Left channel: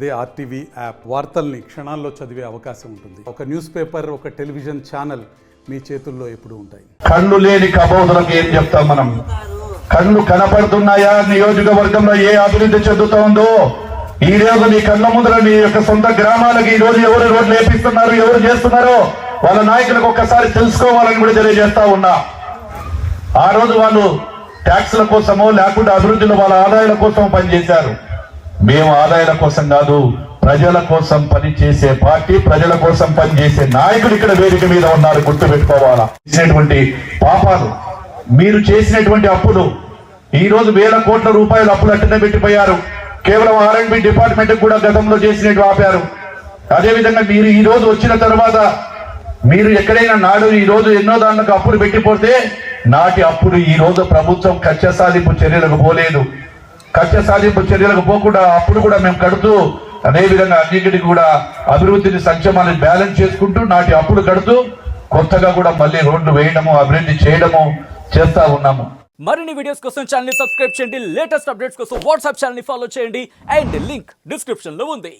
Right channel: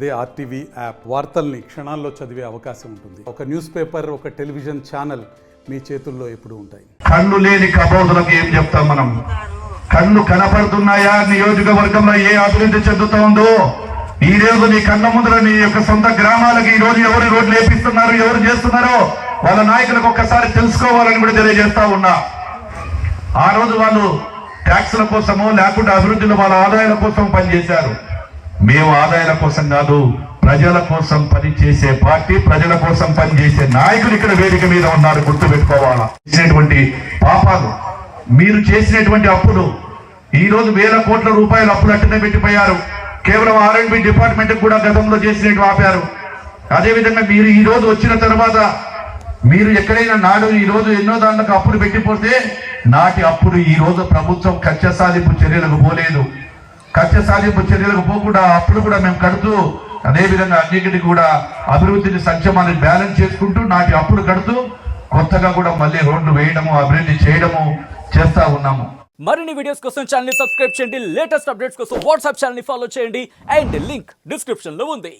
అదే RTV app వార్తల్ని క్షణాల్లో చదివే అవకాశం ఉంటుంది. ఒక న్యూస్ పేపర్, ఒక టెలివిజన్ ఛానల్ మీ చేతుల్లో ఎప్పుడూ ఉంటాయి. కళ్ళు లేని కబోదులకు ఏం చెప్తాం మనం? కళ్ళు కనపడుతున్నాయా? నియోజకవర్గంలో ఏ అభివృద్ధి చెందుతోందో ఈ రోజు మీ కళ్ళ ముందర మీ యొక్క సొంత గ్రామాలకు ఈ రోజు ఎవరు రోడ్లు వేపిస్తున్నారు, ఎవరు చేస్తున్నారో వాళ్ళ నాయకులకు ఒక్కసారి తెలుసుకోవాలని కూడా తెలియజేస్తా ఉన్నా. ఆ రోజు వాళ్ళు ట్యాక్సుల కోసమో లేకుంటే అభివృద్ధిలో వాళ్ళ ఆదాయాల కోసం పనిచేశారు. మేము ఆదాయాల కోసం కాదు, ప్రజల కోసం పనిచేసే పార్టీ, ప్రజల కోసం పనిచేసే నాయకులు ఇక్కడ వేదిక మీద ఉన్నారు. గుర్తుపెట్టుకోవాలా. చేసినటువంటి పాపాలు, మీరు చేసినటువంటి అప్పులు, ఈ రోజు వేల కోట్ల రూపాయలు అప్పులు అట్టనే పెట్టిపోయారు. కేవలం R&B డిపార్ట్మెంట్ కూడా గతంలో చేసినట్టు ఆపారు. అదేవిధంగా మీరు ఈ రోజు వచ్చిన తర్వాత మీరు ఎక్కడైనా నాడు ఈ రోజు ఎన్నో దాంట్లో అప్పులు పెట్టిపోతే నాటి అప్పులు ఈ రోజు ప్రభుత్వం కక్ష సాధింపు చర్యలకు పోలేదు. కక్ష సాధింపు చర్యలకు పోకుండా అప్పులు కూడా మేము కడుతూ, అదేవిధంగా అన్నింటికి కూడా అభివృద్ధిని సంక్షేమాన్ని బ్యాలెన్స్ చేసుకుంటూ నాటి అప్పులు కడుతూ కొత్తగా కూడా మళ్ళీ రోడ్లు వేయడము, అభివృద్ధి చేయడము చేస్తా ఉన్నాము. మరిన్ని వీడియోస్ కోసం ఛానల్ ని సబ్స్క్రైబ్ చేయండి. లేటెస్ట్ అప్డేట్స్ కోసం వాట్సాప్ ఛానల్ ని ఫాలో చేయండి. అండ్ లింక్ డిస్క్రిప్షన్ లో ఉంది.